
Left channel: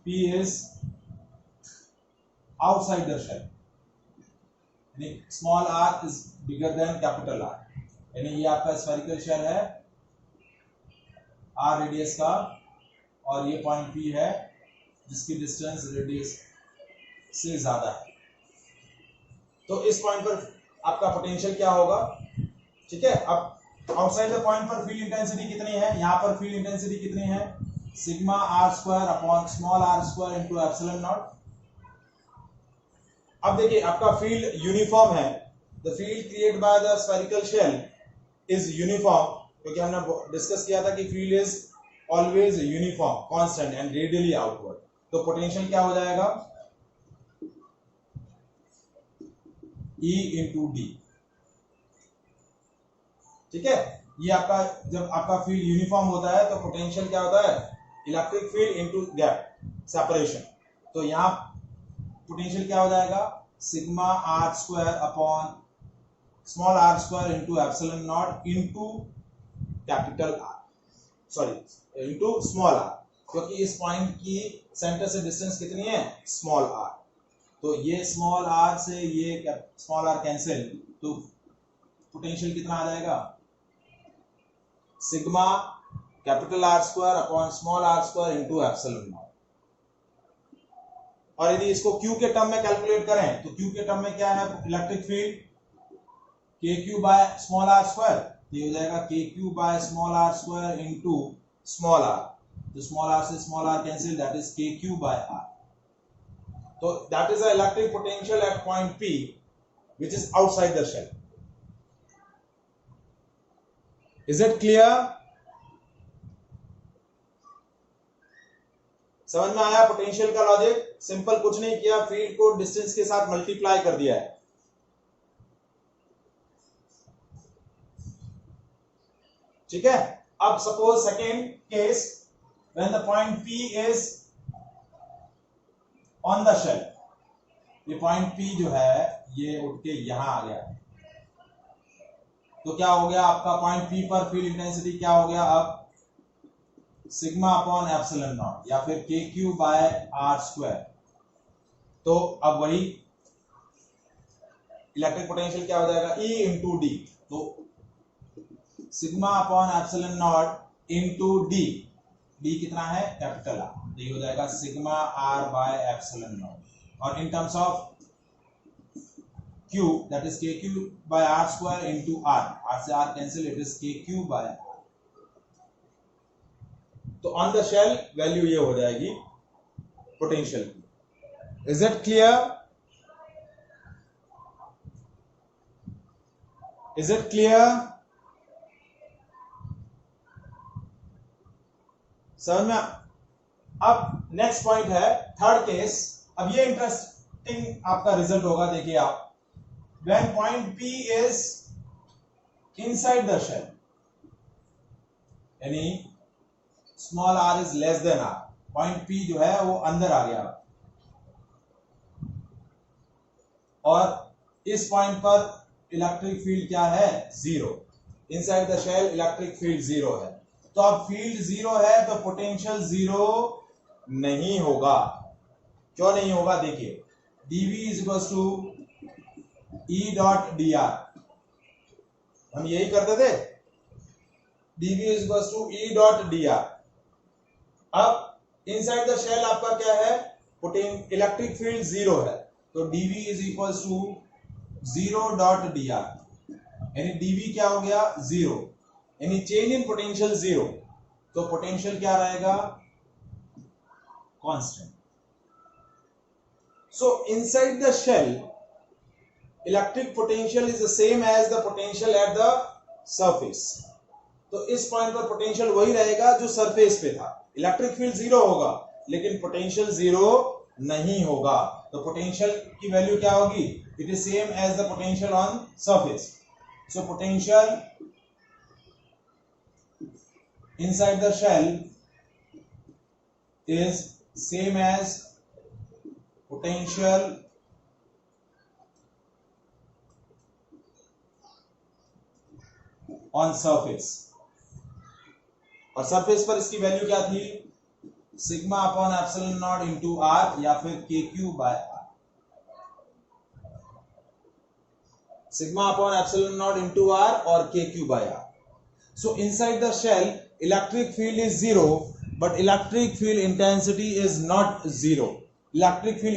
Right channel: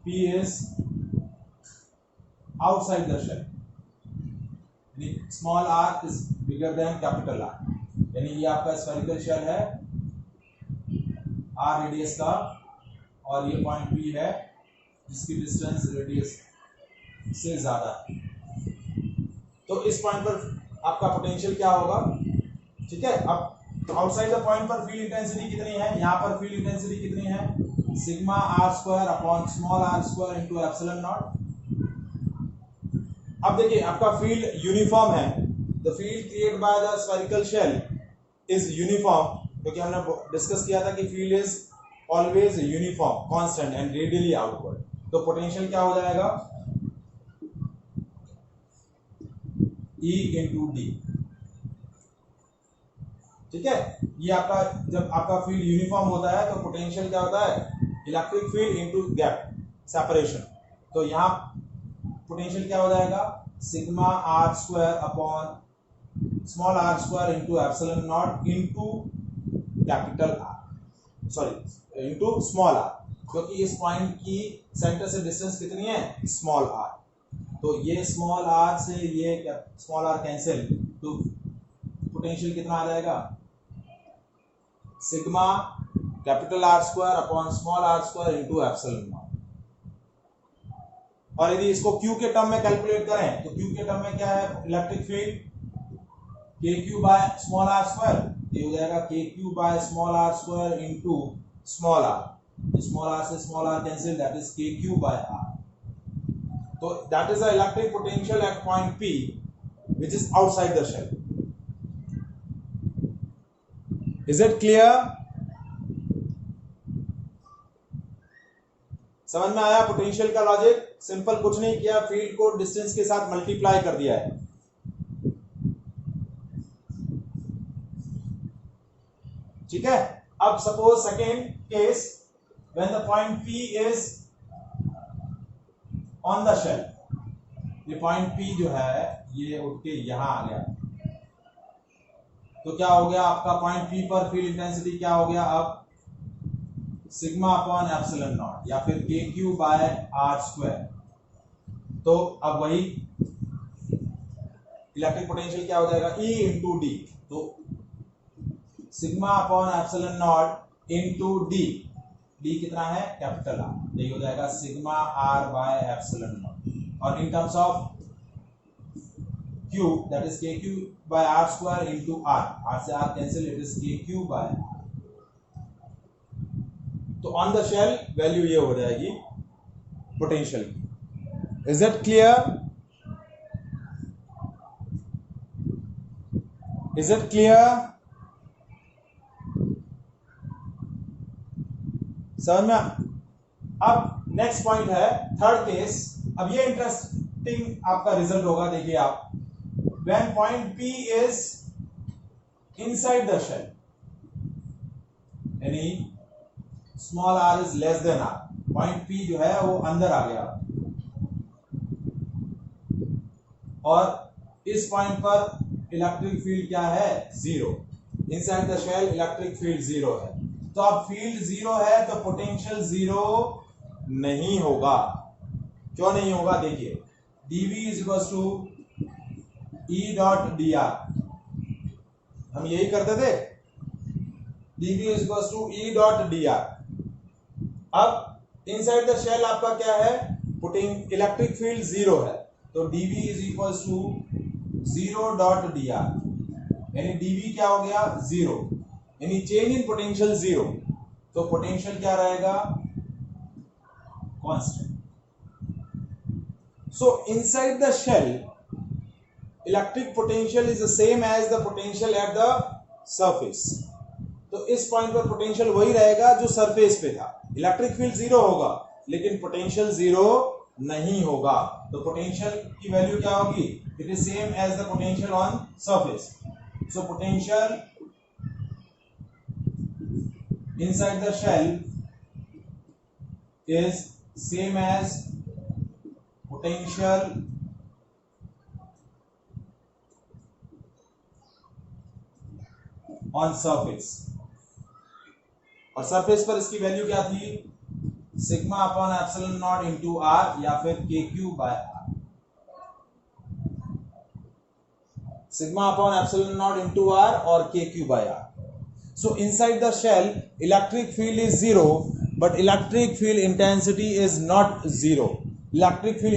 P is outside the shell. यानी small r is bigger than capital R. यानी ये आपका spherical shell है, r radius का, और ये point P है जिसकी डिस्टेंस रेडियस से ज्यादा है. तो इस पॉइंट पर आपका पोटेंशियल क्या होगा? ठीक है, अब आउटसाइड द पॉइंट पर फील्ड इंटेंसिटी कितनी है? यहाँ पर फील्ड इंटेंसिटी कितनी है? Sigma R square upon small R square into epsilon naught. अब देखिए आपका फील्ड यूनिफॉर्म है. The field created by the spherical shell is uniform, क्योंकि हमने डिस्कस किया था कि field is always uniform, constant and radially outward. तो पोटेंशियल क्या हो जाएगा? E into D. ठीक है, ये आपका, जब आपका फील्ड यूनिफॉर्म होता है तो पोटेंशियल क्या होता है? Electric field into gap separation. तो यहाँ पोटेंशियल क्या हो जाएगा? Sigma R square upon small R square into epsilon not into capital R, sorry into small R, क्योंकि इस पॉइंट की सेंटर से डिस्टेंस कितनी है? Small R. तो ये स्मॉल आर से ये स्मॉल आर कैंसिल, तो पोटेंशियल कितना आ जाएगा? Sigma capital R square upon small R square into epsilon not. और यदि इसको क्यू के टर्म में कैलकुलेट करें तो क्यू के टर्म में क्या है? Electric field K Q by small R square. ये हो जाएगा K Q by small R square into small R. तो स्मॉल आर से small R cancel, that is K Q by R. तो that is the electric potential at point P which is outside the shell. Is it clear? समझ में आया potential का logic? Simple कुछ नहीं किया, फील्ड को डिस्टेंस के साथ मल्टीप्लाई कर दिया है. ठीक है। अब suppose second case, when the point P is on the shell, ये पॉइंट P जो है ये उठ के यहां आ गया, तो क्या हो गया आपका पॉइंट P पर फील्ड इंटेंसिटी क्या हो गया, अब सिग्मा अपॉन एप्सिलॉन नॉट या फिर KQ बाय R स्क्वायर। तो अब वही इलेक्ट्रिक पोटेंशियल क्या हो जाएगा, E इंटू डी, तो sigma upon epsilon not into D, D कितना है कैपिटल R, यही हो जाएगा sigma R by epsilon not, और in terms of Q that is KQ by R square into R, R से R cancel, it is KQ by R। तो on the shell value ये हो जाएगी potential की। Is it clear? Is it clear? समझ में? अब next point है थर्ड केस। अब ये इंटरेस्टिंग आपका रिजल्ट होगा, देखिए आप, when point P is inside the shell, यानी small r is less than r, point P जो है वो अंदर आ गया, और इस पॉइंट पर इलेक्ट्रिक फील्ड क्या है, zero. Inside the shell electric field zero है, तो अब फील्ड जीरो है तो पोटेंशियल जीरो नहीं होगा। क्यों नहीं होगा, देखिए dV is equal to E dot D R, हम यही करते थे, dV is equal to E dot D R. अब इनसाइड द शेल आपका क्या है, इलेक्ट्रिक फील्ड जीरो है, तो dV is equal to zero dot D R, यानी dV क्या हो गया, जीरो, यानी चेंज इन पोटेंशियल जीरो, तो पोटेंशियल क्या रहेगा, constant. So inside the shell electric potential is the same as the potential at the surface, तो इस पॉइंट पर पोटेंशियल वही रहेगा जो सरफेस पे था। इलेक्ट्रिक फील्ड जीरो होगा लेकिन पोटेंशियल जीरो नहीं होगा, तो पोटेंशियल की वैल्यू क्या होगी, it is same as the potential on surface. So potential inside the shell is same as potential on surface, और सरफेस पर इसकी वैल्यू क्या थी, sigma upon epsilon not into R या फिर KQ by R, sigma upon epsilon not into R और KQ by R. So inside the shell electric field is zero but electric field intensity is not zero, electric field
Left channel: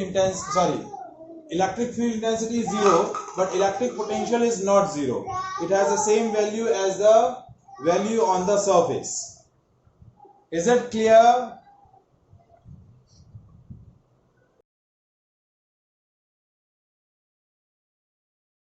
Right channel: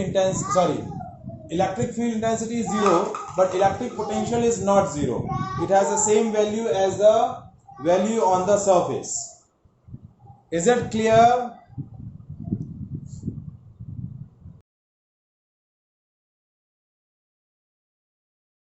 intensity is zero but electric potential is not zero, it has the same value as the value on the surface. Is it clear?